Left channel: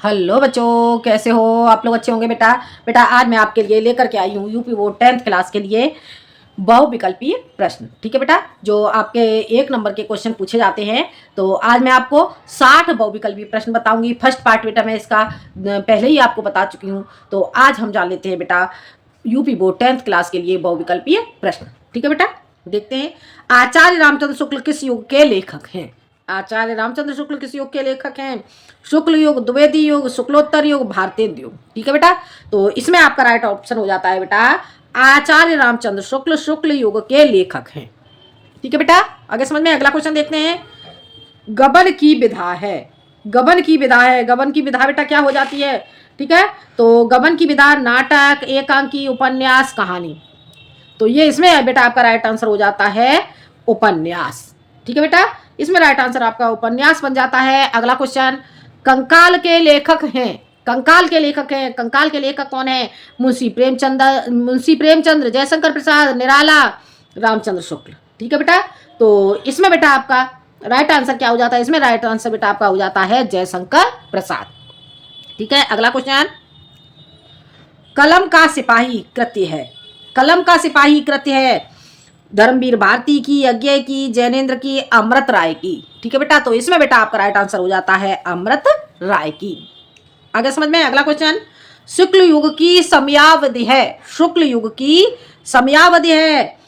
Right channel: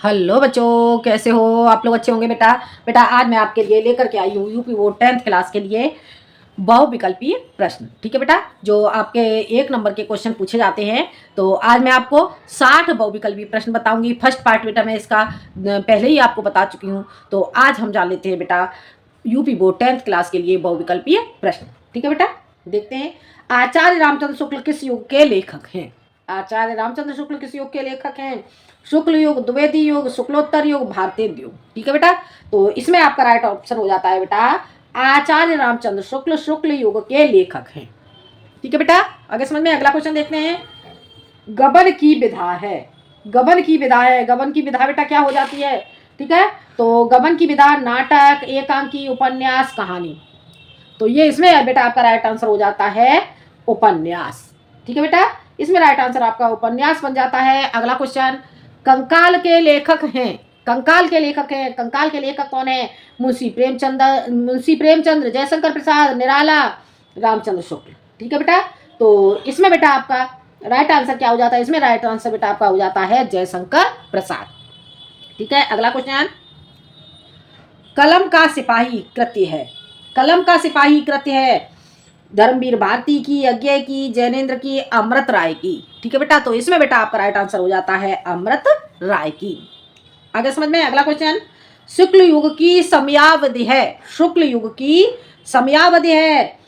Hello बच्चों, कैसे हो आप लोग? अच्छे होंगे बेटा। बेटा आज मैं आपके लिए लेकर के आई हूँ यूपी बोर्ड 10th क्लास के लिए बहुविकल्पीय प्रश्न। ठीक है बेटा, जो आपके 1 नंबर के क्वेश्चन पूछे जाते हैं। तो आज मैं आपको 60 बहुविकल्पीय प्रश्न बताऊंगी। फर्स्ट पार्ट बेटा मैं इसका पहले ही आपको बता चुकी हूँ। तो आज हम जान लेते हैं बेटा यूपी बोर्ड 10th क्लास के लिए बहुविकल्पीय प्रश्न। ठीक है बेटा, देखते हैं। आचार्य रामचंद्र शुक्ल किस युग के लेखक हैं? आचार्य रामचंद्र शुक्ल किस युग के लेखक हैं? शुक्ल युग, द्विवेदी युग, शुक्लोत्तर युग, भारतेंद्र युग। ठीक है बेटा, तो इसमें आपका राइट ऑप्शन हो जाता है बेटा आचार्य रामचंद्र शुक्ल शुक्ल युग के लेखक हैं। ठीक है बेटा, आगे समझ में। अगला क्वेश्चन देखते हैं। गबन की विधा है। गबन की विधा है। गबन की विधा बेटा क्या हो जाती है? ठीक है, तो गबन की विधा नाटक, एकांकी, उपन्यास, कहानी। तो ये इसमें बेटा आपका राइट आंसर हो जाता है उपन्यास। ठीक है बेटा, इसमें राइट आंसर आपका उपन्यास बन जाता है। अगला क्वेश्चन, कंकाल के लेखक हैं। कंकाल के लेखक हैं। कंकाल के लेखक कौन है? मुंशी प्रेमचंद्र, जयशंकर प्रसाद, निराला, रामचंद्र शुक्ल। ठीक है बेटा, तो इसमें बेटा आपका राइट आंसर क्या हो जाता है? इसमें राइट आंसर बेटा आपका हो जाता है जयशंकर प्रसाद। ठीक है, अगला क्वेश्चन, कलम का सिपाही कृत्य है। कलम का सिपाही कृत्य है धर्मवीर भारती की, यज्ञ की, जैनेन्द्र की, अमृत राय की। ठीक है बेटा, तो इसमें बेटा आपका राइट आंसर हो जाता है अमृत राय की। आगे समझ में। अगला क्वेश्चन, शुक्ल युग की समयावधि है। शुक्ल युग की समयावधि है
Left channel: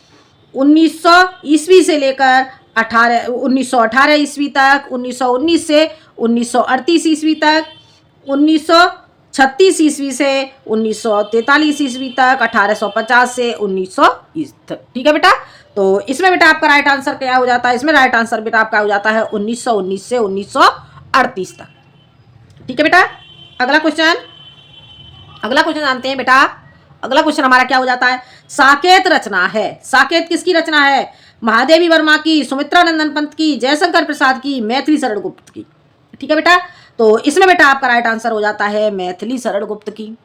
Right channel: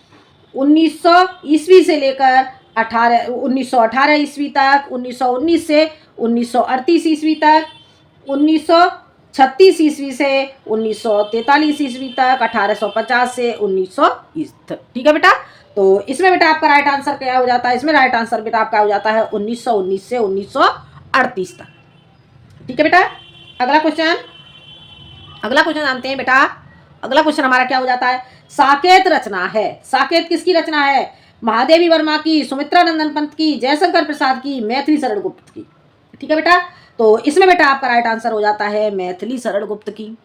1900 ईस्वी से लेकर 1918 ईस्वी तक, 1919 से 1938 ईस्वी तक, 1936 ईस्वी से 1943 ईस्वी तक, 1850 से 1920 तक। ठीक है बेटा, तो इसमें बेटा आपका राइट आंसर क्या हो जाता है? इसमें राइट आंसर बेटा आपका हो जाता है 1919 से 1938 तक। ठीक है बेटा, अगला क्वेश्चन। अगला क्वेश्चन जानते हैं बेटा। अगला क्वेश्चन हमारा क्या हो जाता है? साकेत रचना है। साकेत किसकी रचना है? महादेवी वर्मा की, सुमित्रा नंदन पंत की, जयशंकर प्रसाद की, मैथिली शरण गुप्त की। ठीक है बेटा, तो इसमें बेटा आपका राइट आंसर हो जाता है मैथिली शरण गुप्त की।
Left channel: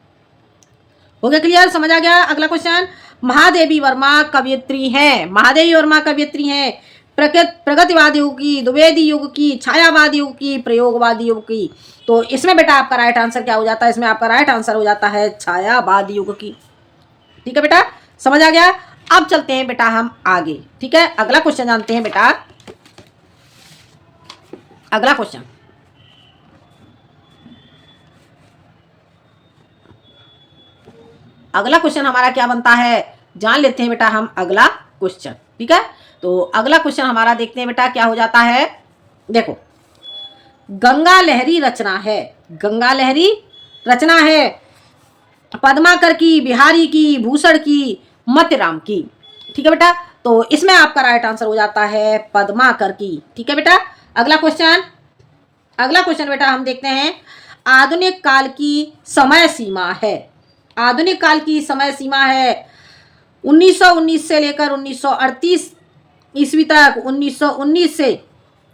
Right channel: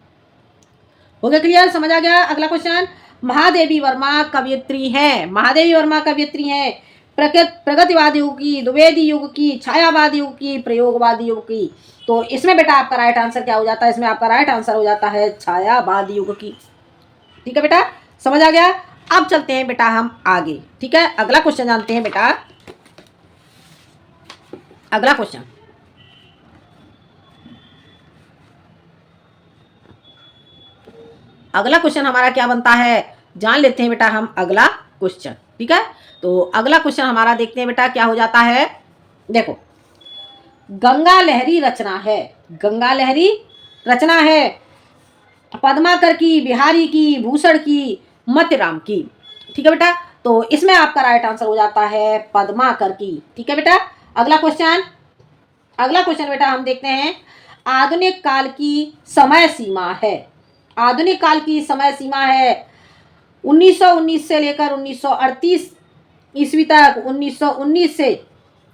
हो गया क्लियर? समझ आ गया? अगला क्वेश्चन, महादेवी वर्मा कवयित्री है। महादेवी वर्मा कवयित्री है प्रगतिवादी युग की, द्विवेदी युग की, छायावादी युग की, प्रयोगवादी युग की। तो इसमें बेटा आपका राइट आंसर क्या हो जाता है? इसमें आपका राइट आंसर हो जाता है छायावादी युग की। ठीक है बेटा, समझ आ गया? अब चलते हैं बेटा हम आगे। ठीक है, अगला क्वेश्चन जानते हैं बेटा। अगला क्वेश्चन, अगला क्वेश्चन हमारा क्या बनता है? जान लेते हैं बेटा हम अगला क्वेश्चन। ठीक है, तो अगला क्वेश्चन हमारा देखते हैं बेटा क्या हो जाता है। देखो, गंगा लहरी रचना है। गंगा लहरी रचना है पद्माकर की, बिहारी की, भूषण की, मत्यराम की। ठीक है बेटा, तो इसमें आपका राइट आंसर हो जाता है पद्माकर की। ठीक है बेटा, अगला क्वेश्चन। अगला क्वेश्चन बेटा हम देखते हैं, आधुनिक काल की समय सीमा है। आधुनिक काल की समय सीमा है 1919 से लेकर 1938 ईस्वी तक, 1919 से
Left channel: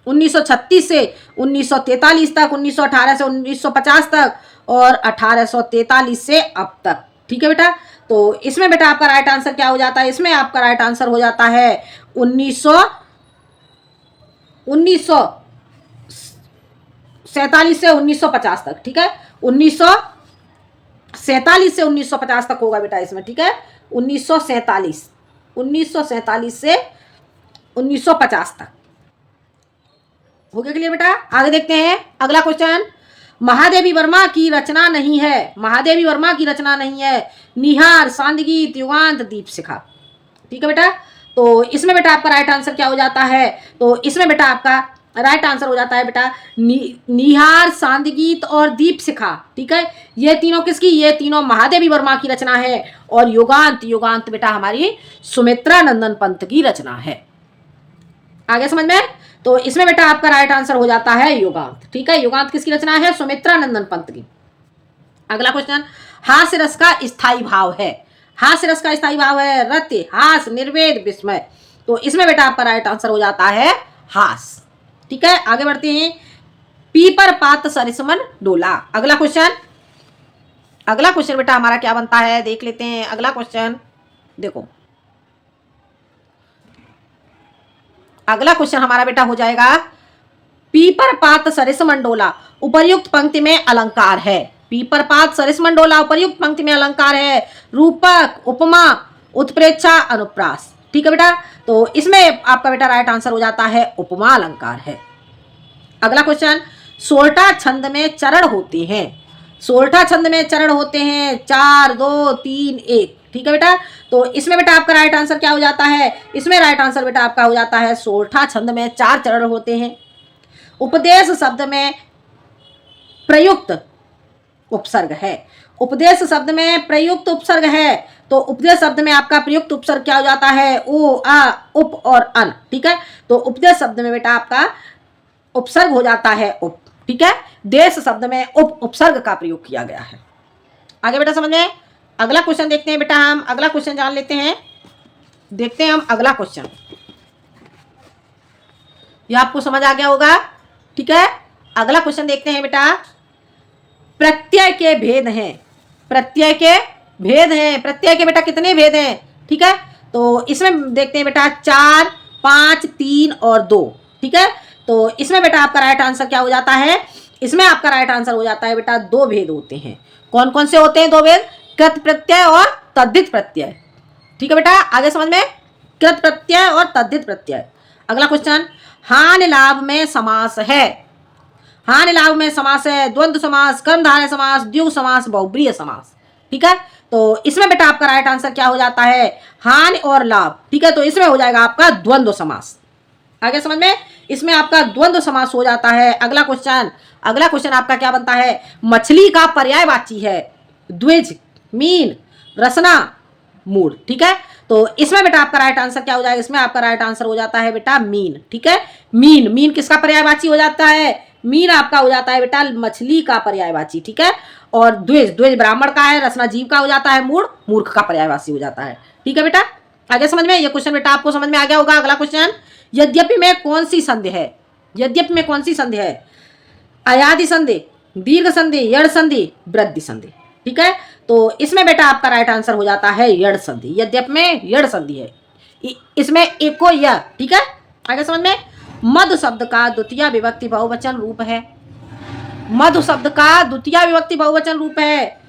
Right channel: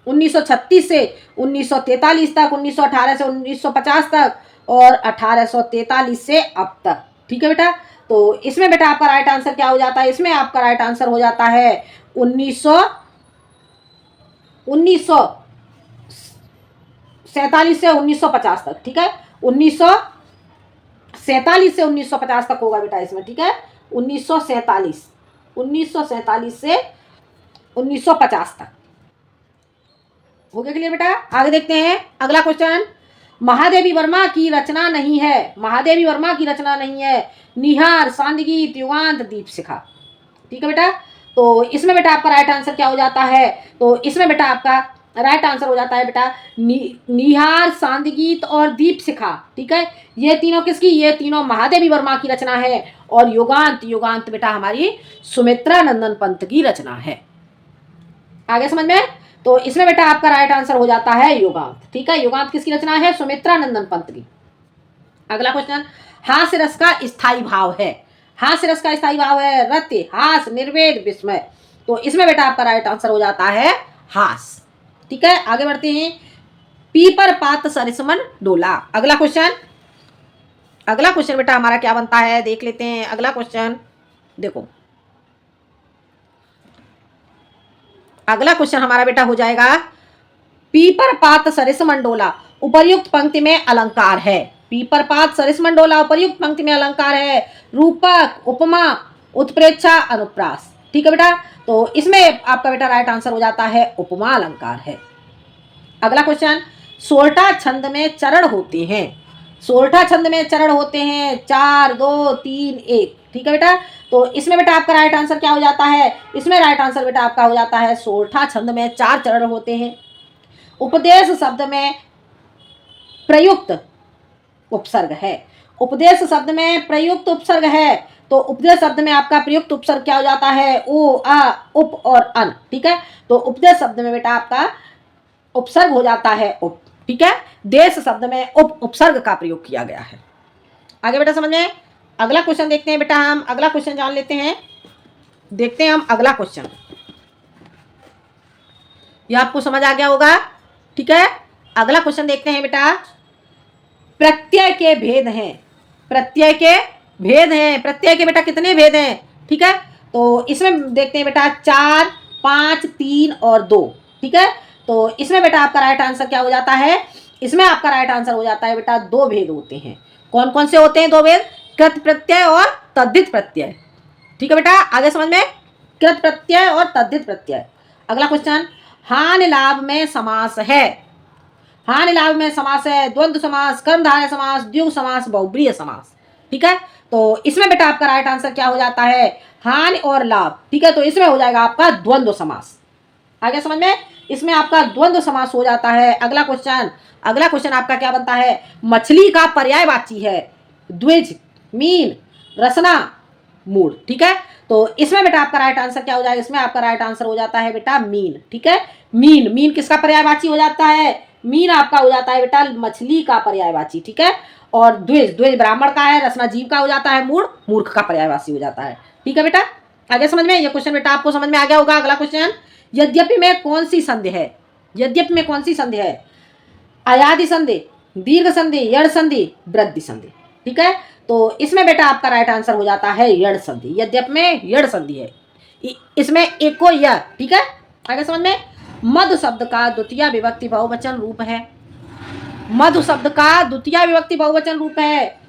1936 से 1943 तक, 1918 से 1950 तक, और 1843 से अब तक। ठीक है बेटा, तो इसमें बेटा आपका राइट आंसर क्या हो जाता है? इसमें आपका राइट आंसर हो जाता है 1947 से 1950 तक। ठीक है, 1947 से 1950 तक होगा बेटा इसमें। ठीक है, 1947 से 1950 तक। हो गया क्लियर बेटा? आगे देखते हैं अगला क्वेश्चन, महादेवी वर्मा की रचना नहीं है। महादेवी वर्मा की रचना नहीं है निहार, सांदगीत, युगांत, दीपशिखा। ठीक है बेटा, तो इसमें बेटा आपका राइट आंसर क्या हो जाता है? तो इसमें बेटा आपका राइट आंसर हो जाता है बेटा निहार, सांदगीत और दीपशिखा। ठीक है, ये तीनों किसकी? ये तीनों महादेवी वर्मा की रचना है। और युगांत, युगांत बेटा हमारी सुमित्रा नंदन पंत की रचना है। आगे समझ में? तो इसमें बेटा आपका राइट आंसर हो जाता है युगांत। ठीक है, युगांत किसकी रचना है? सुमित्रा नंदन पंत की। अगला क्वेश्चन, हास्य रस का स्थायी भाव है। हास्य रस का स्थायी भाव है रत्य, हास, निर्वेद, विस्मय। तो इसमें बेटा आपका राइट आंसर हो जाता है हास। ठीक है, आगे बढ़ते हैं, पीपर पात सरिसमन डोला। अगला क्वेश्चन। अगला क्वेश्चन बेटा हमारा क्या बनता है देख लेते हैं। अगला क्वेश्चन देखो, अगला क्वेश्चन हमारा बेटा हो जाएगा, पीपर पात सरिस मंडोला उपर्युक्त पंक्ति में अलंकार है। पीपर पात सरिसमंडोला उपर्युक्त पंक्ति में अलंकार है। रूपक, उपमा, उत्प्रेक्षा, अनुप्रास। ठीक है बेटा, तो इसमें आपका बेटा राइट आंसर हो जाता है उपमा अलंकार है। अगला क्वेश्चन, सोरठा छंद में चरण होते हैं। सोरठा छंद में चरण होते हैं 4 2 3 1। ठीक है बेटा, तो इसमें बेटा आपका राइट आंसर क्या हो जाता है? इसमें राइट आंसर बेटा आपका हो जाता है सोरठा छंद में 4 चरण होते हैं। उपदेश शब्द में प्रयुक्त उपसर्ग है। उपदेश शब्द में प्रयुक्त उपसर्ग है, तो उपदेश शब्द में आपका प्रयुक्त उपसर्ग क्या हो जाता है? ओ, आ, उप और अन। ठीक है, तो उपदेश शब्द में बेटा आपका उपसर्ग हो जाता है उप। ठीक है, देश शब्द में उप उपसर्ग का प्रयोग किया गया है। आगे बेटा समझ में। अगला क्वेश्चन देखते हैं बेटा, हम अगला क्वेश्चन जान लेते हैं। देखते हैं हम अगला क्वेश्चन, ये आपको समझ आ गया होगा। ठीक है, अगला क्वेश्चन देखते हैं बेटा। प्रत्यय के भेद हैं। प्रत्यय के भेद हैं। प्रत्यय के बेटा कितने भेद हैं? ठीक है, तो इसमें देखते हैं बेटा 4 5 3 और 2। ठीक है, तो इसमें बेटा आपका राइट आंसर क्या हो जाता है? इसमें आपका राइट आंसर हो जाता है बेटा 2 भेद होते हैं। कौन कौन से होते हैं 2 भेद? कृत प्रत्यय और तद्धित प्रत्यय। ठीक है बेटा, आगे समझ में। कृत प्रत्यय और तद्धित प्रत्यय। अगला क्वेश्चन, हानि लाभ में समास है। हानि लाभ में समास है द्वंद्व समास, कर्मधारय समास, द्विगु समास, बहुब्रीहि समास। ठीक है, तो इसमें बेटा आपका राइट आंसर क्या हो जाता है? हानि और लाभ। ठीक है, तो इसमें हो जाएगा आपका द्वंद्व समास। आगे समझ में, इसमें आपका द्वंद्व समास हो जाता है। अगला क्वेश्चन, अगला क्वेश्चन आपका क्या बनता है? मछली का पर्यायवाची है द्विज, मीन, रसना, मूड। ठीक है, तो इसमें बेटा आपका राइट आंसर क्या हो जाएगा? इसमें आपका राइट आंसर हो जाता है बेटा मीन। ठीक है, मीन, मीन किसका पर्यायवाची हो जाता है? मीन आपका हो जाता है बेटा मछली का पर्यायवाची। ठीक है, और द्विज, द्विज ब्राह्मण का है, रसना जीव का हो जाता है, मूड मूर्ख का पर्यायवाची हो जाता है। ठीक है बेटा, आगे समझ में। ये क्वेश्चन बेटा आपको समझ में आ गया होगा। अगला क्वेश्चन, यद्यपि में कौन सी संधि है? यद्यपि में कौन सी संधि है? अयादि संधि, दीर्घ संधि, यड़ संधि, वृद्धि संधि। ठीक है, तो इसमें बेटा आपका राइट आंसर हो जाता है यड़ संधि। यद्यपि में यड़ संधि है, इसमें एको य। ठीक है, आगे समझ में। मधु शब्द का द्वितीय विभक्ति बहुवचन रूप है। मधु शब्द का द्वितीय विभक्ति बहुवचन रूप है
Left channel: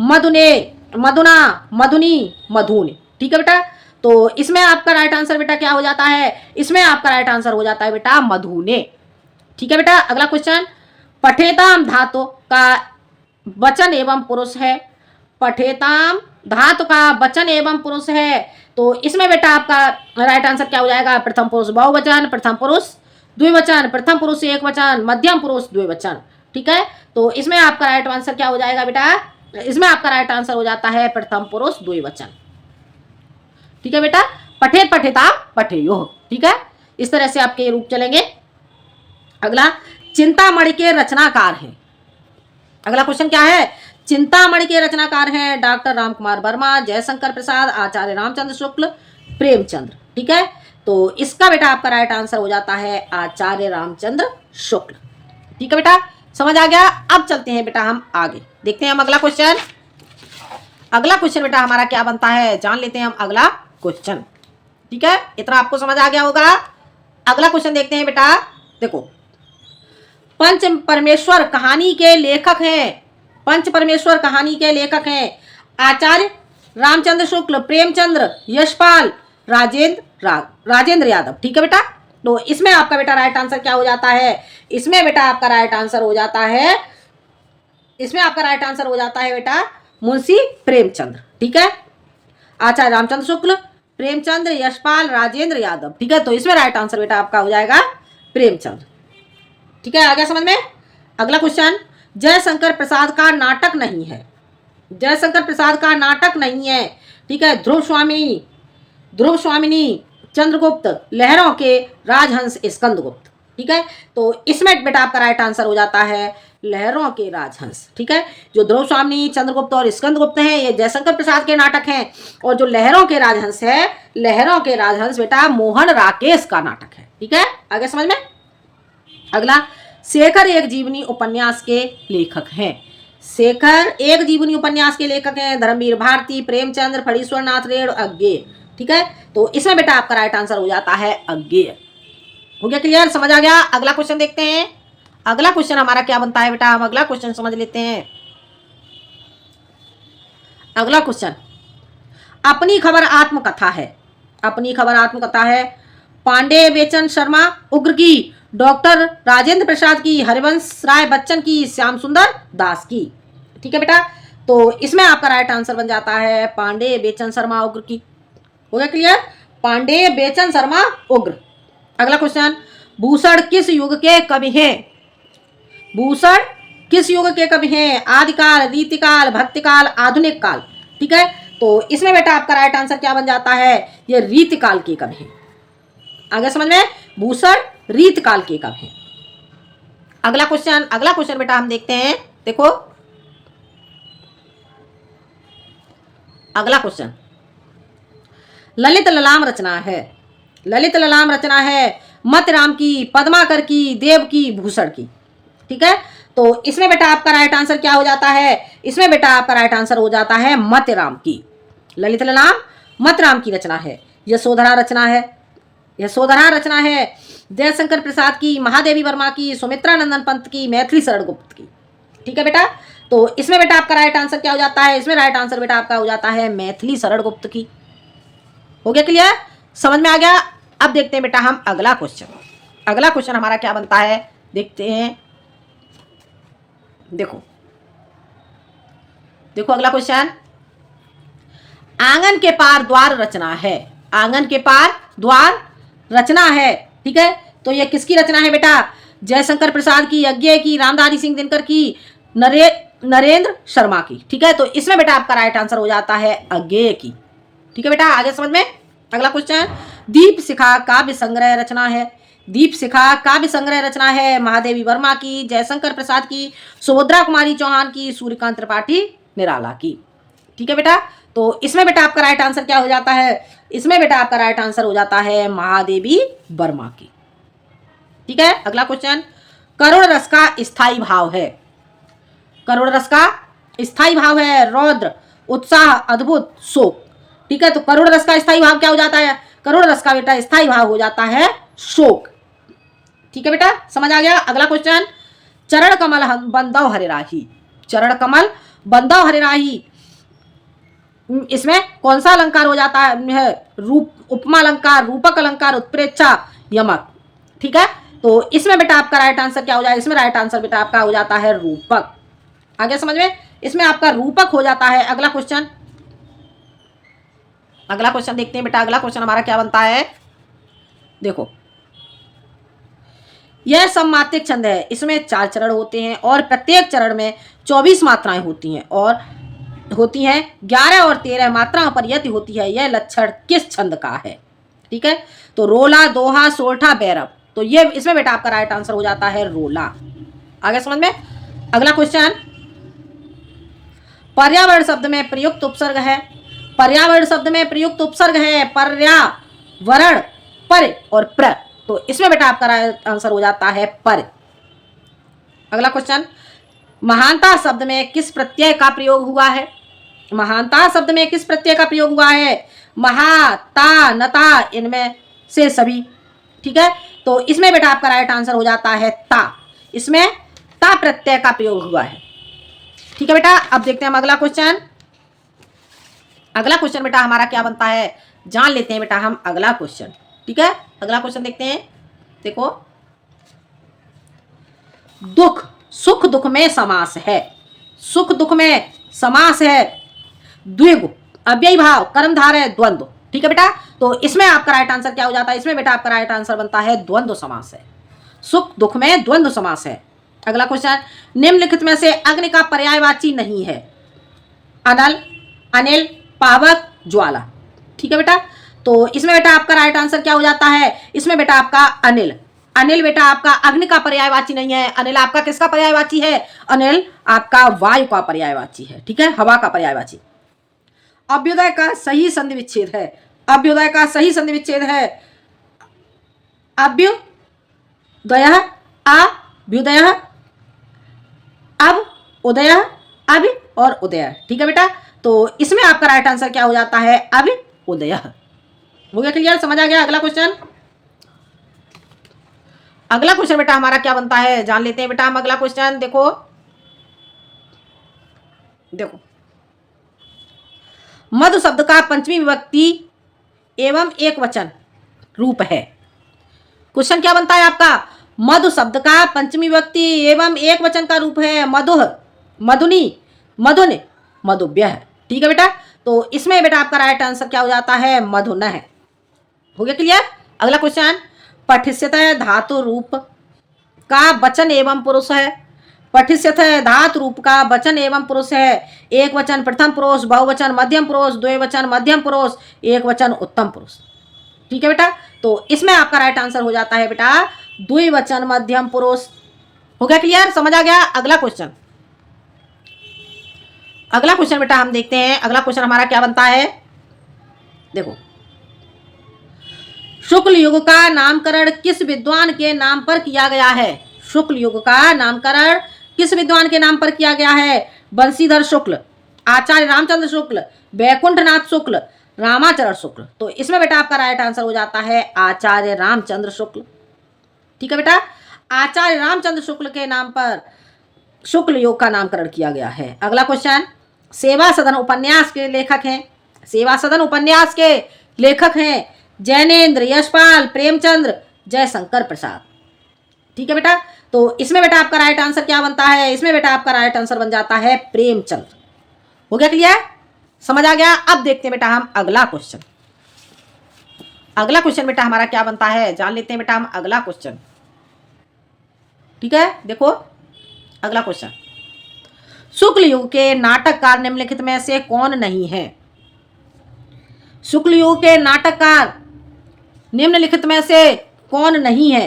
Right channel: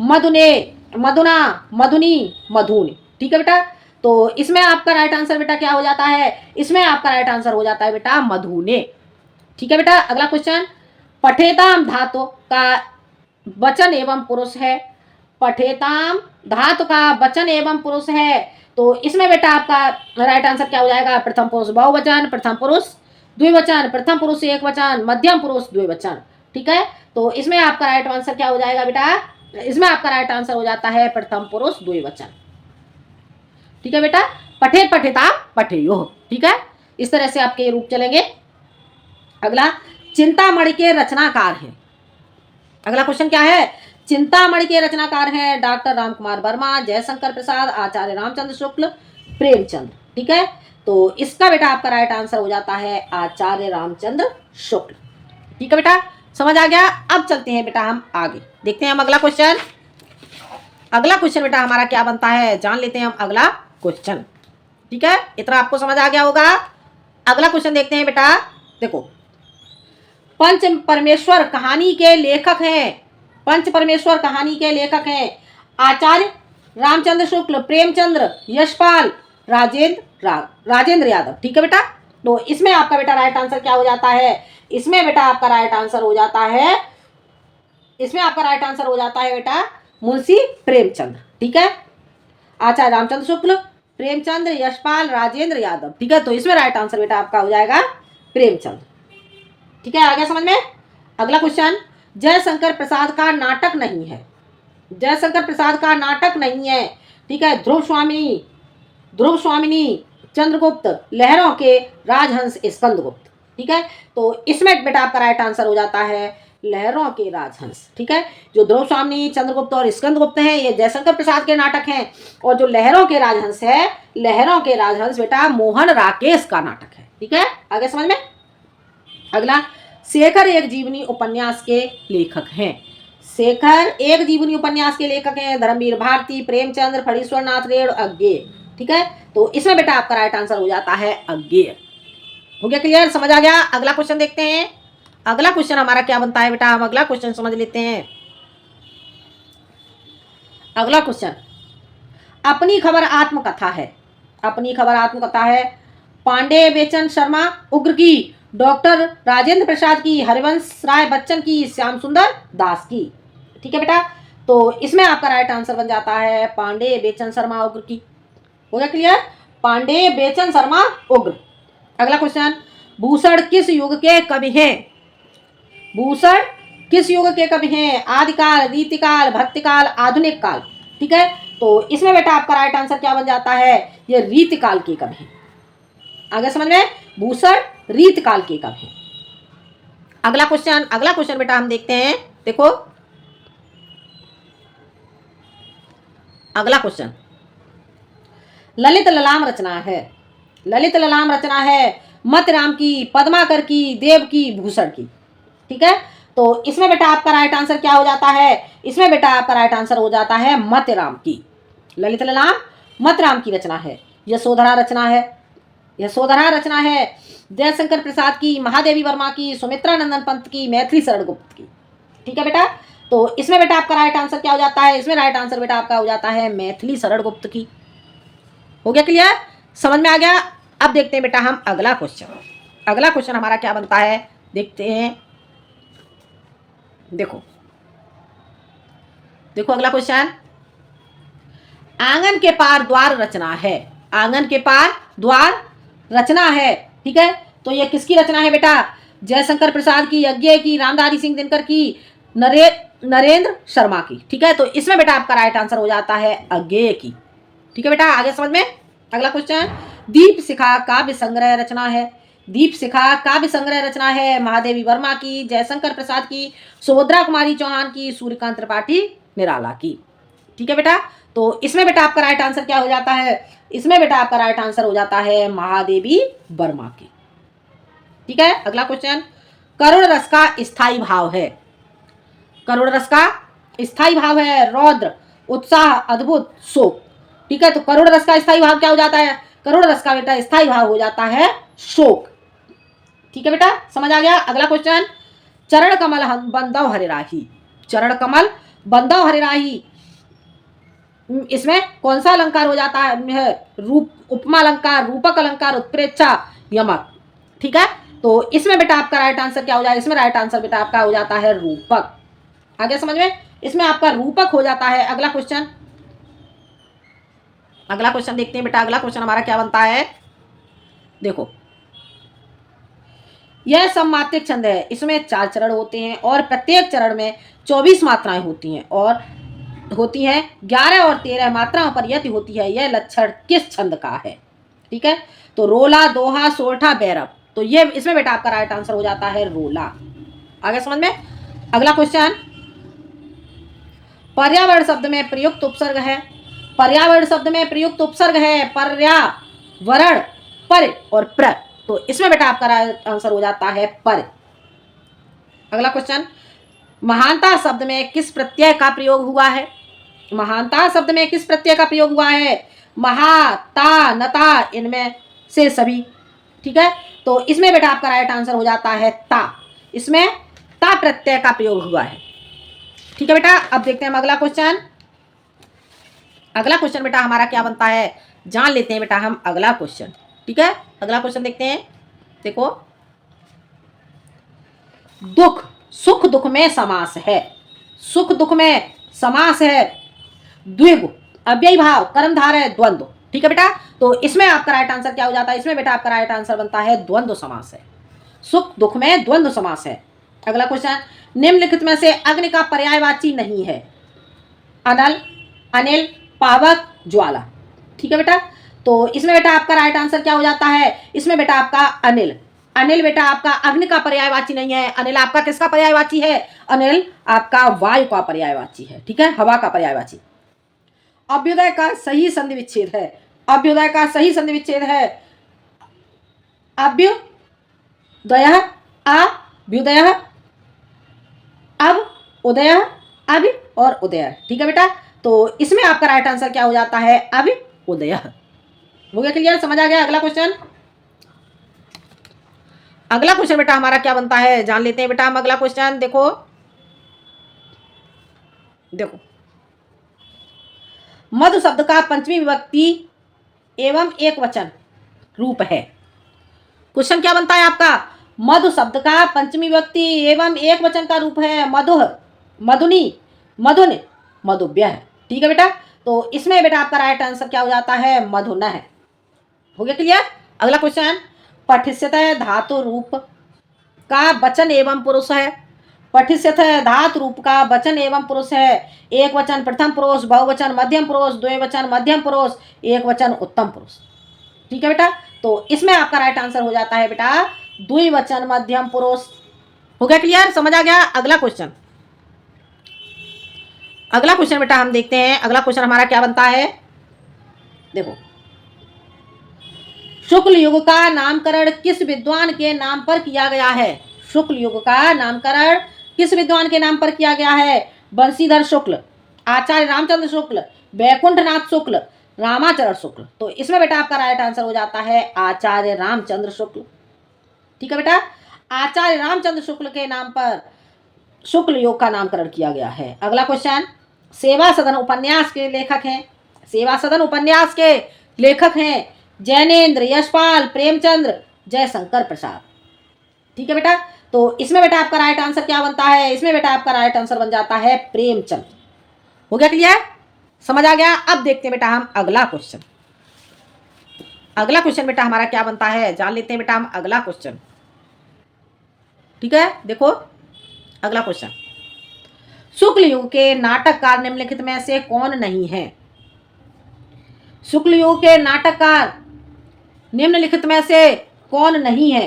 मधुने, मधुना, मधुनी, मधुन। ठीक है बेटा, तो इसमें आपका राइट आंसर बेटा क्या हो जाता है? इसमें आपका राइट आंसर हो जाता है बेटा मधुने। ठीक है बेटा, अगला क्वेश्चन, पठेताम धातु का वचन एवं पुरुष है। पठेताम धातु का वचन एवं पुरुष है, तो इसमें बेटा आपका राइट आंसर क्या हो जाएगा? प्रथम पुरुष बहुवचन, प्रथम पुरुष द्विवचन, प्रथम पुरुष एक वचन, मध्यम पुरुष द्विवचन। ठीक है, तो इसमें आपका राइट आंसर क्या हो जाएगा बेटा? इसमें आपका राइट आंसर हो जाता है प्रथम पुरुष द्विवचन। ठीक है बेटा, पठे पठेता पठेयो। ठीक है, इस तरह से आपके रूप चलेंगे। अगला, चिंतामणि के रचनाकार हैं। अगला क्वेश्चन क्या है? चिंतामणि के रचनाकार हैं डॉक्टर रामकुमार वर्मा, जयशंकर प्रसाद, आचार्य रामचंद्र शुक्ल, प्रेमचंद्र। ठीक है, तो इसका बेटा आपका राइट आंसर हो जाता है आचार्य रामचंद्र शुक्ल। ठीक है बेटा, समझ आ गया। अब चलते हैं बेटा हम आगे, देखते हैं हम अगला क्वेश्चन। अगला क्वेश्चन बेटा हमारा क्या बनता है, जान लेते हैं हम अगला क्वेश्चन। ठीक है, इतना आपको समझ आ गया होगा। अगला क्वेश्चन देखते हैं बेटा। देखो, पंच परमेश्वर कहानी के लेखक हैं। पंच परमेश्वर कहानी के लेखक हैं आचार्य रामचंद्र शुक्ल, प्रेमचंद्र, यशपाल, राजेंद्र यादव। ठीक है बेटा, तो इसमें आपका बेटा राइट आंसर क्या हो जाता है? इसमें बेटा आपका राइट आंसर हो जाता है, इसमें आपका राइट आंसर हो जाता है बेटा मुंशी प्रेमचंद्र। ठीक है, आचार्य रामचंद्र शुक्ल, प्रेमचंद्र, यशपाल, राजेंद्र यादव। ठीक है, तो इसमें राइट आंसर बेटा आपका हो जाएगा प्रेमचंद्र। ठीक है, आ गया समझ में। अगला क्वेश्चन, जयशंकर प्रसाद का नाटक नहीं है। जयशंकर प्रसाद का नाटक नहीं है। ठीक है, ध्रुव स्वामिनी, चंद्रगुप्त, लहरों के राजहंस, स्कंदगुप्त। ठीक है, तो इसमें बेटा आपका राइट आंसर हो जाता है लहरों के राजहंस। ठीक है, जो ध्रुव स्वामिनी, चंद्रगुप्त और स्कंदगुप्त हैं ये जयशंकर प्रसाद के नाटक हैं, और जो लहरों के राजहंस है, लहरों के राजहंस बेटा मोहन राकेश का नाटक है। ठीक है, आगे समझ में। अगला, शेखर एक जीवनी उपन्यास के लेखक हैं। शेखर एक जीवनी उपन्यास के लेखक हैं धर्मवीर भारती, प्रेमचंद्र, फणीश्वर नाथ रेण, अज्ञेय। ठीक है, तो इसमें बेटा आपका राइट आंसर हो जाता है अज्ञेय। हो गया क्लियर, समझ आ गया। अगला क्वेश्चन देखते हैं। अगला क्वेश्चन हमारा क्या बनता है बेटा, हम अगला क्वेश्चन समझ लेते हैं। अगला क्वेश्चन अपनी खबर आत्मकथा है। अपनी खबर आत्मकथा है। पांडे बेचन शर्मा उग्र की, डॉक्टर राजेंद्र प्रसाद की, हरिवंश राय बच्चन की, श्याम सुंदर दास की। ठीक है बेटा, तो इसमें आपका राइट आंसर बन जाता है पांडे बेचन शर्मा उग्र की। हो गया क्लियर? पांडे बेचन शर्मा उग्र। अगला क्वेश्चन भूषण किस युग के कवि हैं? भूषण किस युग के कवि हैं? आदिकाल, रीतिकाल, भक्तिकाल, आधुनिक काल। ठीक है, तो इसमें बेटा आपका राइट आंसर क्या बन जाता है? ये रीतिकाल के कवि हैं। आगे समझ में? भूषण रीतिकाल के कवि हैं। अगला क्वेश्चन बेटा हम देखते हैं। देखो अगला क्वेश्चन ललित ललाम रचना है। ललित ललाम रचना है मतराम की, पद्माकर की, देव की, भूषण की। ठीक है, तो इसमें बेटा आपका राइट आंसर क्या हो जाता है? इसमें बेटा आपका राइट आंसर हो जाता है मतराम की। ललित ललाम मतराम की रचना है। यशोधरा रचना है। यशोधरा रचना है जयशंकर प्रसाद की, महादेवी वर्मा की, सुमित्रा नंदन पंत की, मैथिली शरण गुप्त की। ठीक है बेटा, तो इसमें बेटा आपका राइट आंसर क्या हो जाता है? इसमें राइट आंसर बेटा आपका हो जाता है मैथिली शरण गुप्त की। हो गया क्लियर? समझ में आ गया? अब देखते हैं बेटा हम अगला क्वेश्चन। अगला क्वेश्चन हमारा क्या बनता है, देखते हैं। देखो देखो अगला क्वेश्चन आंगन के पार द्वार रचना है। आंगन के पार द्वार रचना है। ठीक है, तो ये किसकी रचना है बेटा? जयशंकर प्रसाद की, यज्ञ की, रामधारी सिंह दिनकर की, नरेंद्र शर्मा की। ठीक है, तो इसमें बेटा आपका राइट आंसर हो जाता है अज्ञेय की। ठीक है बेटा, आगे समझ में? अगला क्वेश्चन दीप शिखा काव्य संग्रह रचना है। दीप शिखा काव्य संग्रह रचना है महादेवी वर्मा की, जयशंकर प्रसाद की, सुभद्रा कुमारी चौहान की, सूर्यकांत त्रिपाठी निराला की। ठीक है बेटा, तो इसमें बेटा आपका राइट आंसर क्या हो जाता है? इसमें बेटा आपका राइट आंसर हो जाता है महादेवी वर्मा की। ठीक है, अगला क्वेश्चन करुण रस का स्थायी भाव है। करुण रस का स्थायी भाव है रौद्र, उत्साह, अद्भुत, शोक। ठीक है, तो करुण रस का स्थायी भाव क्या हो जाता है? करुण रस का बेटा स्थायी भाव हो जाता है शोक। ठीक है बेटा, समझ आ गया? अगला क्वेश्चन चरण कमल बंदव हरे राही। चरण कमल बंदव हरे राही, इसमें कौन सा अलंकार हो जाता है? रूप, उपमा अलंकार, रूपक अलंकार, उत्प्रेक्षा, यमक। ठीक है, तो इसमें बेटा आपका राइट आंसर क्या हो जाएगा? इसमें राइट आंसर बेटा आपका हो जाता है रूपक। आगे समझ में? इसमें आपका रूपक हो जाता है। अगला क्वेश्चन देखते हैं बेटा। अगला क्वेश्चन हमारा क्या बनता है? देखो यह सममात्रिक छंद है। इसमें 4 चरण होते हैं और प्रत्येक चरण में 24 मात्राएं होती हैं और होती हैं 11 और 13 मात्राओं पर यति होती है। यह लक्षण किस छंद का है? ठीक है, तो रोला, दोहा, सोरठा, बैरव। तो ये इसमें बेटा आपका राइट आंसर हो जाता है रोला। आगे समझ में? अगला क्वेश्चन पर्यावरण शब्द में प्रयुक्त उपसर्ग है। पर्यावरण शब्द में प्रयुक्त उपसर्ग है पर्यावरण, पर और प्र। तो इसमें बेटा आपका राइट आंसर हो जाता है पर। अगला क्वेश्चन महानता शब्द में किस प्रत्यय का प्रयोग हुआ है? महानता शब्द में किस प्रत्यय का प्रयोग हुआ है? महा, ता, नता, इनमें से सभी। ठीक है, तो इसमें बेटा आपका राइट आंसर हो जाता है ता। इसमें ता प्रत्यय का प्रयोग हुआ है। ठीक है बेटा, अब देखते हैं हम अगला क्वेश्चन। अगला क्वेश्चन बेटा हमारा क्या बनता है, जान लेते हैं बेटा हम अगला क्वेश्चन। ठीक है, अगला क्वेश्चन देखते हैं। देखो दुख सुख दुख में समास है। सुख दुख में समास है द्विगु, अव्ययी भाव, कर्मधारय, द्वंद्व। ठीक है बेटा, तो इसमें आपका राइट आंसर क्या हो जाता है? इसमें बेटा आपका राइट आंसर बनता है द्वंद्व समास है। सुख दुख में द्वंद्व समास है। अगला क्वेश्चन निम्नलिखित में से अग्नि का पर्यायवाची नहीं है। अनल, अनिल, पावक, ज्वाला। ठीक है बेटा, तो इसमें बेटा आपका राइट आंसर क्या हो जाता है? इसमें बेटा आपका अनिल। अनिल बेटा आपका अग्नि का पर्यायवाची नहीं है। अनिल आपका किसका पर्यायवाची है? अनिल आपका वायु का पर्यायवाची है। ठीक है, हवा का पर्यायवाची। अभ्युदय का सही संधि विच्छेद है। अभ्युदय का सही संधि विच्छेद है अभ्युदय, अभ्युदय, अब उदय, अब और उदय। ठीक है बेटा, तो इसमें आपका राइट आंसर क्या हो जाता है? अब उदय। हो गया क्लियर? समझ आ गया? अगला क्वेश्चन अगला क्वेश्चन बेटा हमारा क्या बनता है, जान लेते हैं बेटा हम अगला क्वेश्चन। देखो देखो, मधु शब्द का पंचमी विभक्ति एवं एक वचन रूप है। क्वेश्चन क्या बनता है आपका, मधु शब्द का पंचमी विभक्ति एवं एक वचन का रूप है मधुह, मधुनी, मधुन, मधुव्य है। ठीक है बेटा, तो इसमें बेटा आपका राइट आंसर क्या हो जाता है, मधुन है। हो गया क्लियर। अगला क्वेश्चन, पठिष्यतः धातु रूप का वचन एवं पुरुष है। पठिष्यतः धातु रूप का वचन एवं पुरुष है। एक वचन प्रथम पुरुष, बहुवचन मध्यम पुरुष, द्विवचन मध्यम पुरुष, एक वचन उत्तम पुरुष। ठीक है बेटा, तो इसमें आपका राइट आंसर हो जाता है बेटा द्विवचन मध्यम पुरुष। हो गया क्लियर, समझ आ गया। अगला क्वेश्चन, अगला क्वेश्चन बेटा हम देखते हैं। अगला क्वेश्चन हमारा क्या बनता है, देखो, शुक्ल युग का नामकरण किस विद्वान के नाम पर किया गया है। शुक्ल युग का नामकरण किस विद्वान के नाम पर किया गया है, बंशीधर शुक्ल, आचार्य रामचंद्र शुक्ल, वैकुंठनाथ शुक्ल, रामाचरण शुक्ल। तो इसमें बेटा आपका राइट आंसर हो जाता है आचार्य रामचंद्र शुक्ल। ठीक है बेटा, आचार्य रामचंद्र शुक्ल के नाम पर शुक्ल योग का नामकरण किया गया है। अगला क्वेश्चन, सेवा सदन उपन्यास के लेखक हैं। सेवा सदन उपन्यास के लेखक हैं जैनेन्द्र, यशपाल, प्रेमचंद्र, जयशंकर प्रसाद। ठीक है बेटा, तो इसमें बेटा आपका राइट आंसर क्या बनता है, इसमें बेटा आपका राइट आंसर बन जाता है प्रेमचंद्र। हो गया क्लियर, समझ आ गया। अब देखते हैं बेटा हम अगला क्वेश्चन। अगला क्वेश्चन बेटा हमारा क्या बनता है, जान लेते हैं बेटा हम अगला क्वेश्चन। ठीक है, देखो अगला क्वेश्चन, शुक्ल युग के नाटककार निम्नलिखित में से कौन नहीं है। शुक्ल युग के नाटककार निम्नलिखित में से कौन नहीं है।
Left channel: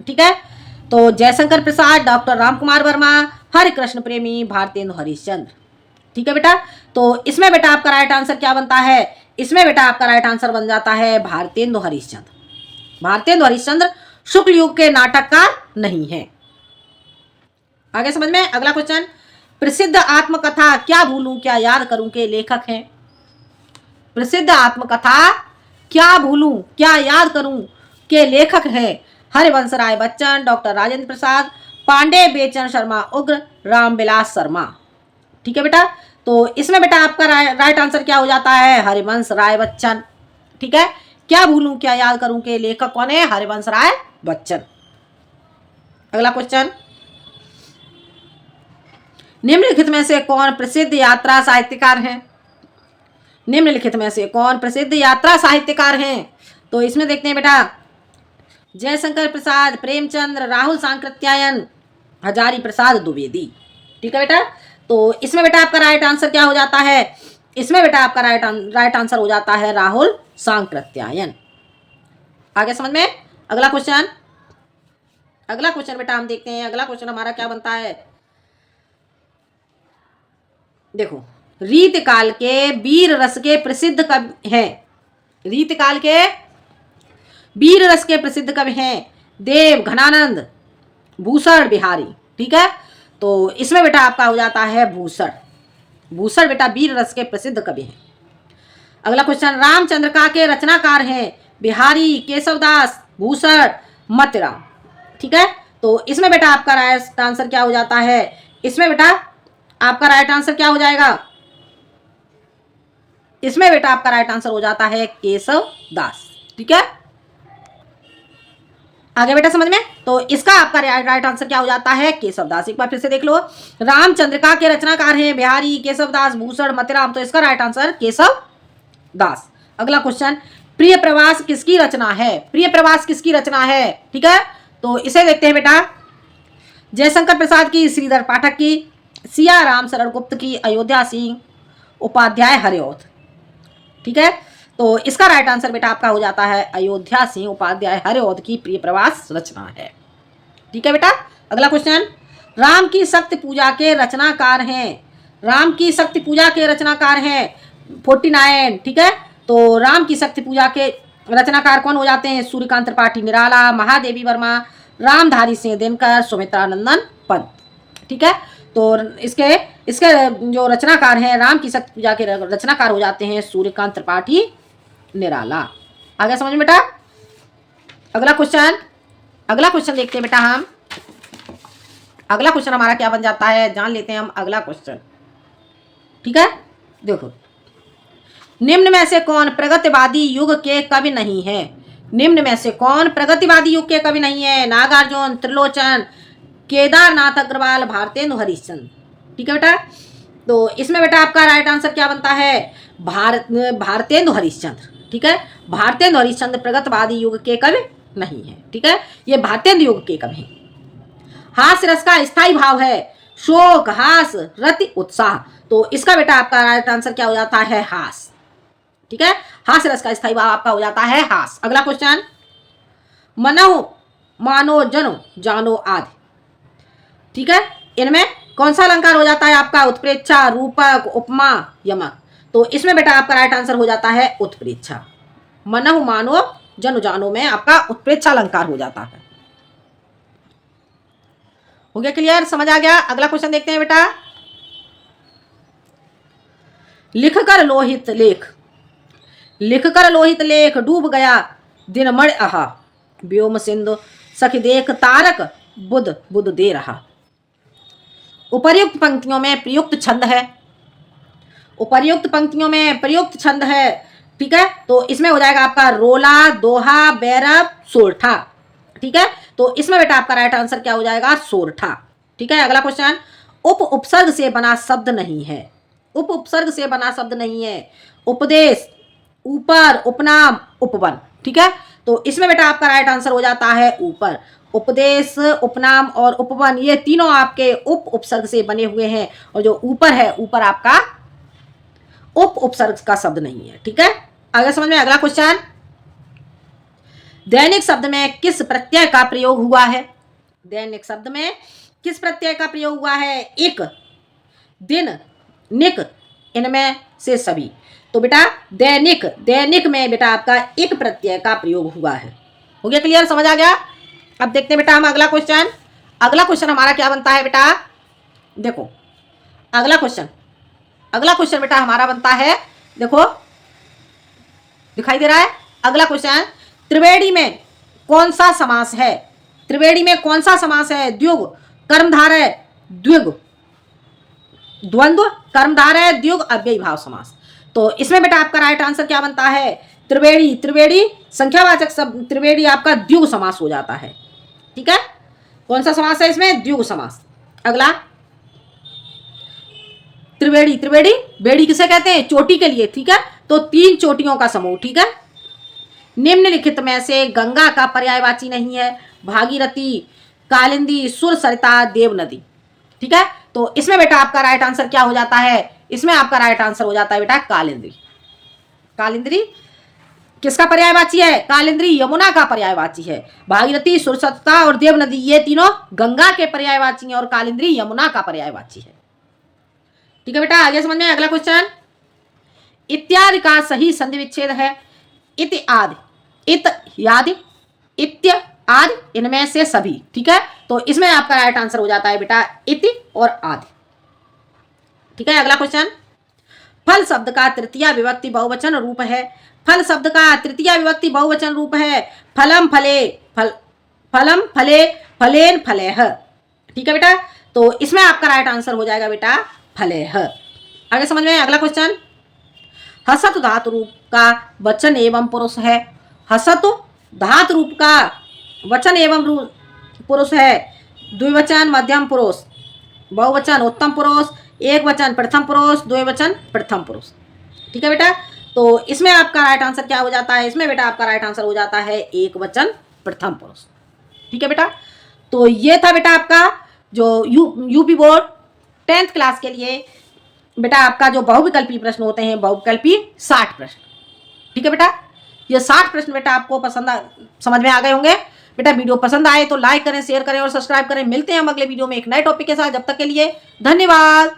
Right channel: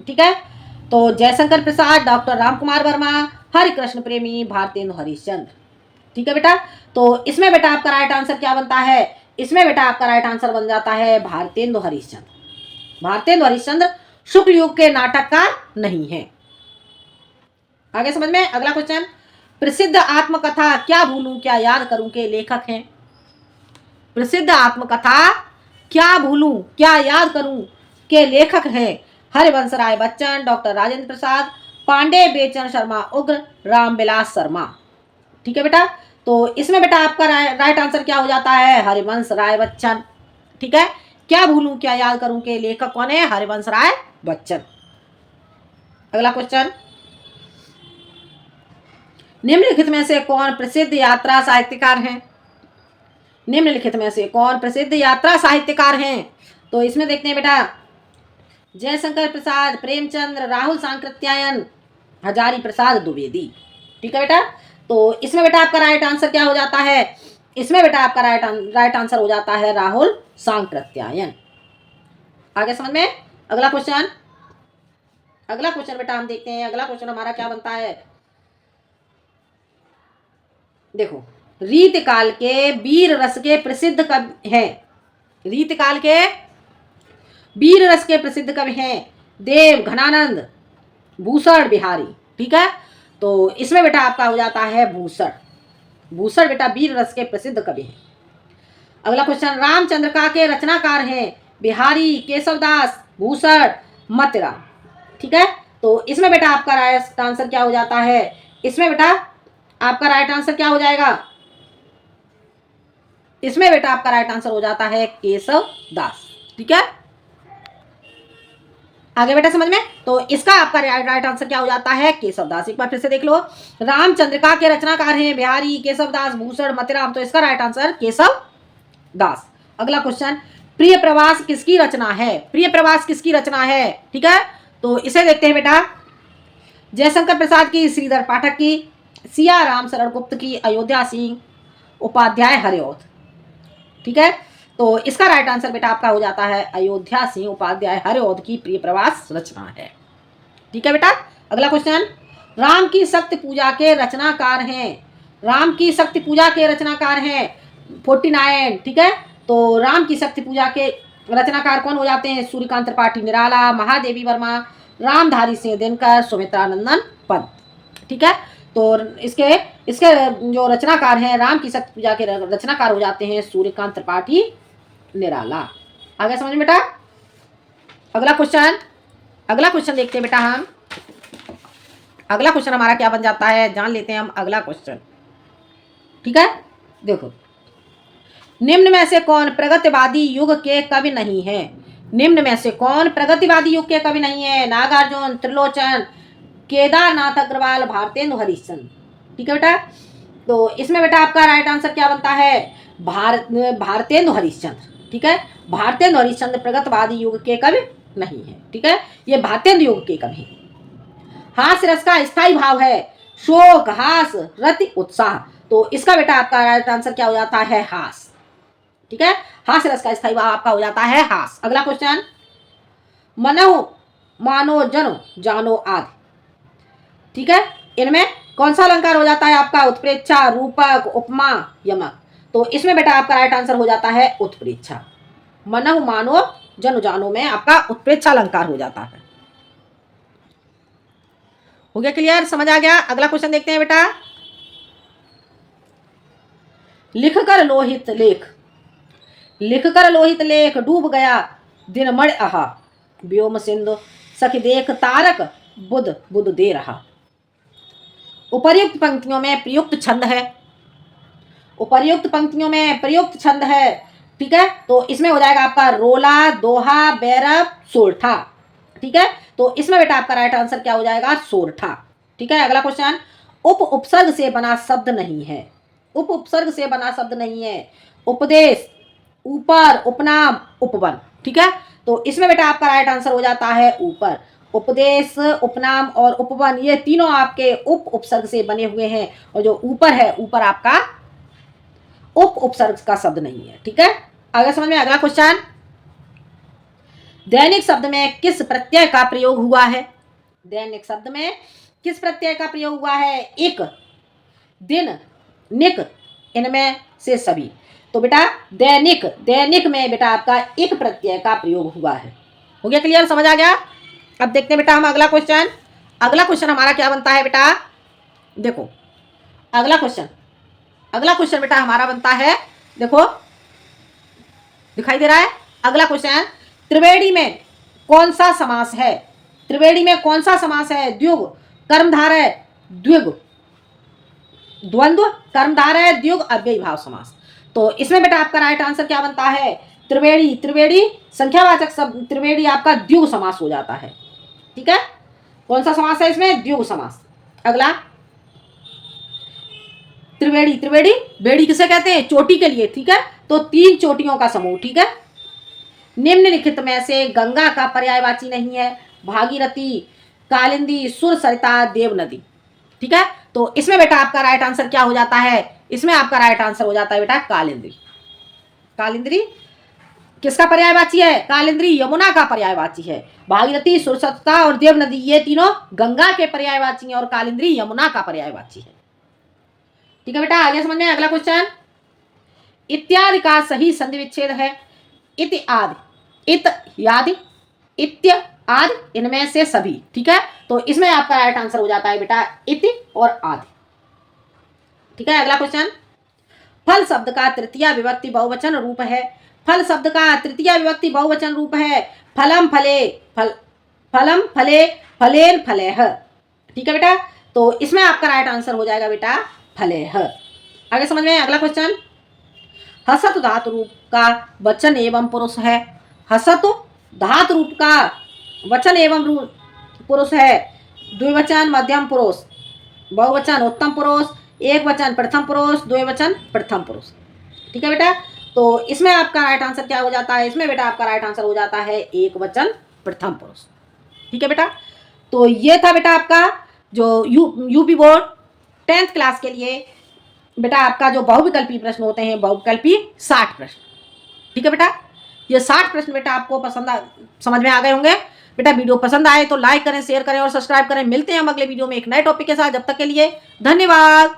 ठीक है, तो जयशंकर प्रसाद, डॉक्टर रामकुमार वर्मा, हरिकृष्ण प्रेमी, भारतेंदु हरिश्चंद्र। ठीक है बेटा, तो इसमें बेटा आपका राइट आंसर क्या बनता है, इसमें बेटा आपका राइट आंसर बन जाता है भारतेंदु हरिश्चंद्र। भारतेंदु हरिश्चंद्र शुक्ल युग के नाटककार नहीं है। आगे समझ में। अगला क्वेश्चन, प्रसिद्ध आत्मकथा क्या भूलूं क्या याद करूं के लेखक हैं। प्रसिद्ध आत्मकथा क्या भूलूं क्या याद करूं के लेखक हैं हरिवंश राय बच्चन, डॉक्टर राजेंद्र प्रसाद, पांडे बेचन शर्मा उग्र, रामविलास शर्मा। ठीक है बेटा, तो इसमें बेटा आपका राइट आंसर क्या हो जाता है, हरिवंश राय बच्चन। ठीक है, क्या भूलूं क्या याद करूं के लेखक कौन है, हरिवंश राय बच्चन। अगला क्वेश्चन, निम्नलिखित में से कौन प्रसिद्ध यात्रा साहित्यकार हैं। निम्नलिखित में से कौन प्रसिद्ध यात्रा साहित्यकार हैं, तो इसमें देखते हैं बेटा जयशंकर प्रसाद, प्रेमचंद्र, राहुल सांकृत्यायन, हजारी प्रसाद द्विवेदी। ठीक है बेटा, तो इसमें बेटा आपका राइट आंसर क्या हो जाता है, इसमें बेटा आपका राइट आंसर हो जाता है राहुल सांकृत्यायन। आगे समझ में। अगला क्वेश्चन, अगला क्वेश्चन बेटा हम देखते हैं। अगला क्वेश्चन हमारा क्या बनता है, देखो, रीतकाल के वीर रस के प्रसिद्ध कवि हैं। रीतकाल के वीर रस के प्रसिद्ध कवि हैं देव, घनानंद, भूषण बिहारी। ठीक है, तो इसमें बेटा आपका हो जाता है भूषण। भूषण बेटा वीर रस के प्रसिद्ध कवि हैं। अगला क्वेश्चन, रामचंद्रिका के रचनाकार हैं बिहारी, केशवदास, भूषण, मतिराम। ठीक है, तो इसमें बेटा आपका राइट आंसर क्या हो जाता है, इसमें बेटा आपका राइट आंसर क्या हो जाएगा, इसमें बेटा आपका राइट आंसर हो जाता है केशव दास। ठीक है, आगे बेटा समझ में। तो इसका आपका राइट आंसर क्या हो जाता है, केशव दास। एक बार फिर से देख लो, रामचंद्रिका के रचनाकार हैं बिहारी, केशव दास, भूषण, मतिराम। तो इसका राइट आंसर केशव दास। अगला क्वेश्चन, प्रिय प्रवास किसकी रचना है। प्रिय प्रवास किसकी रचना है, ठीक है, तो इसे देखते हैं बेटा जयशंकर प्रसाद की, श्रीधर पाठक की, सिया राम शरण गुप्त की, अयोध्या सिंह उपाध्याय हरिऔध। ठीक है, तो इसका राइट आंसर बेटा आपका हो जाता है अयोध्या सिंह उपाध्याय हरिऔध की प्रिय प्रवास रचना है। ठीक है बेटा, अगला क्वेश्चन, राम की शक्ति पूजा के रचनाकार हैं। राम की शक्ति पूजा के रचनाकार हैं 49। ठीक है, तो राम की शक्ति पूजा के रचनाकार कौन हो जाते हैं, सूर्यकांत त्रिपाठी निराला, महादेवी वर्मा, रामधारी सिंह दिनकर, सुमित्रानंदन पंत। ठीक है, तो इसके इसके जो रचनाकार हैं राम की शक्ति पूजा के रचनाकार हो जाते हैं सूर्यकांत त्रिपाठी निराला। आगे समझ में बेटा। अगला क्वेश्चन, अगला क्वेश्चन देखते हैं बेटा हम। अगला क्वेश्चन हमारा क्या बन जाता है, जान लेते हैं हम अगला क्वेश्चन। ठीक है, देखो, निम्न में से कौन प्रगतिवादी युग के कवि नहीं है? निम्न में से कौन प्रगतिवादी युग के कवि नहीं है? नागार्जुन, त्रिलोचन, केदारनाथ अग्रवाल, भारतेंदु हरिश्चंद्र। ठीक है बेटा, तो इसमें बेटा आपका राइट आंसर क्या बनता है? भारतेंदु हरिश्चंद्र। ठीक है, भारतेंदु हरिश्चंद्र प्रगतिवादी युग के कवि नहीं है। ठीक है, ये भारतेंदु युग के कवि हैं। हास्य रस का स्थायी भाव है शोक, हास, रति, उत्साह। तो इसका बेटा आपका राइट आंसर क्या हो जाता है? हास। ठीक है, हास्य रस का स्थायी भाव आपका हो जाता है हास। अगला क्वेश्चन, मनो, मानो, जनो, जानो, आदि। ठीक है, इनमें कौन सा अलंकार हो जाता है आपका? उत्प्रेक्षा, रूपक, उपमा, यमक। तो इसमें बेटा आपका राइट आंसर हो जाता है उत्प्रेक्षा। मनो, मानो, जनो, जानो में आपका उत्प्रेक्षा अलंकार हो जाता है। हो गया क्लियर? समझ आ गया? अगला क्वेश्चन देखते हैं बेटा। लिखकर लोहित लेख, लिखकर लोहित लेख, डूब गया दिन मण आहा, व्योम सिंधु सखी देख तारक, बुध बुध दे रहा। उपर्युक्त पंक्तियों में प्रयुक्त छंद है, उपर्युक्त पंक्तियों में प्रयुक्त छंद है। ठीक है, तो इसमें हो जाएगा आपका रोला, दोहा, बैरव, सोरठा। ठीक है, तो इसमें बेटा आपका राइट आंसर क्या हो जाएगा? सोरठा। ठीक है, अगला क्वेश्चन, उप उपसर्ग से बना शब्द नहीं है, उप उपसर्ग से बना शब्द नहीं है। उपदेश, ऊपर, उपनाम, उपवन। ठीक है, तो इसमें बेटा आपका राइट आंसर हो जाता है ऊपर। उपदेश, उपनाम और उपवन ये तीनों आपके उप उपसर्ग से बने हुए हैं, और जो ऊपर है, ऊपर आपका उप उपसर्ग का शब्द नहीं है। ठीक है, आगे समझ में। अगला क्वेश्चन, दैनिक शब्द में किस प्रत्यय का प्रयोग हुआ है? दैनिक शब्द में किस प्रत्यय का प्रयोग हुआ है? एक, दिन, निक, इनमें से सभी। तो बेटा दैनिक, दैनिक में बेटा आपका एक प्रत्यय का प्रयोग हुआ है। हो गया क्लियर? समझ आ गया? अब देखते हैं बेटा हम अगला क्वेश्चन। अगला क्वेश्चन हमारा क्या बनता है बेटा? देखो, अगला क्वेश्चन, अगला क्वेश्चन बेटा हमारा बनता है, देखो दिखाई दे रहा है अगला क्वेश्चन, त्रिवेणी में कौन सा समास है? त्रिवेणी में कौन सा समास है? द्विगु, कर्मधारय, द्विगु, द्वंद्व, कर्मधारय, द्विगु, अव्ययीभाव समास। तो इसमें बेटा आपका राइट आंसर क्या बनता है? त्रिवेणी, त्रिवेणी संख्यावाचक शब्द, त्रिवेणी आपका द्विगु समास हो जाता है। ठीक है, कौन सा समास है इसमें? द्विगु समास। अगला, त्रिवेणी, त्रिवेणी बेड़ी किसे कहते हैं? चोटी के लिए। ठीक है, तो तीन चोटियों का समूह। ठीक है, निम्नलिखित में से गंगा का पर्यायवाची नहीं है? भागीरथी, कालिंदी, सुर, सरिता, देव नदी। ठीक है, तो इसमें बेटा आपका राइट आंसर क्या हो जाता है? इसमें आपका राइट आंसर हो जाता है बेटा कालिंदी। कालिंदी किसका पर्यायवाची है? कालिंदी यमुना का पर्यायवाची है। भागीरथी, सुर, सरिता और देव नदी ये तीनों गंगा के पर्यायवाची हैं, और कालिंदी यमुना का पर्यायवाची है। ठीक है बेटा, आगे समझ में। अगला क्वेश्चन, इत्यादि का सही संधि विच्छेद है? इत, आदि, इत, यादि, इत्य, आदि, इनमें से सभी। ठीक है, तो इसमें आपका राइट आंसर हो जाता है बेटा इति और आदि। ठीक है, अगला क्वेश्चन, फल शब्द का तृतीय विभक्ति बहुवचन रूप है? फल शब्द का तृतीय विभक्ति बहुवचन रूप है फलम, फले, फल, फलम, फले, फलेन, फलेह। ठीक है बेटा, तो इसमें आपका राइट आंसर हो जाएगा बेटा फलेह। आगे समझ में। अगला क्वेश्चन, हसत धातु रूप का वचन एवं पुरुष है? हसत धातु रूप का वचन एवं पुरुष है। द्विवचन मध्यम पुरुष, बहुवचन उत्तम पुरुष, एक वचन प्रथम पुरुष, द्विवचन प्रथम पुरुष। ठीक है बेटा, तो इसमें आपका राइट आंसर क्या हो जाता है? इसमें बेटा आपका राइट आंसर हो जाता है एक वचन प्रथम पुरुष। ठीक है बेटा, तो ये था बेटा आपका जो यूपी बोर्ड 10th क्लास के लिए बेटा आपका जो बहुविकल्पी प्रश्न होते हैं, बहुविकल्पी 60 प्रश्न। ठीक है बेटा, ये 60 प्रश्न बेटा आपको समझ में आ गए होंगे। बेटा वीडियो पसंद आए तो लाइक करें, शेयर करें और सब्सक्राइब करें। मिलते हैं हम अगले वीडियो में एक नए टॉपिक के साथ। जब तक के लिए धन्यवाद।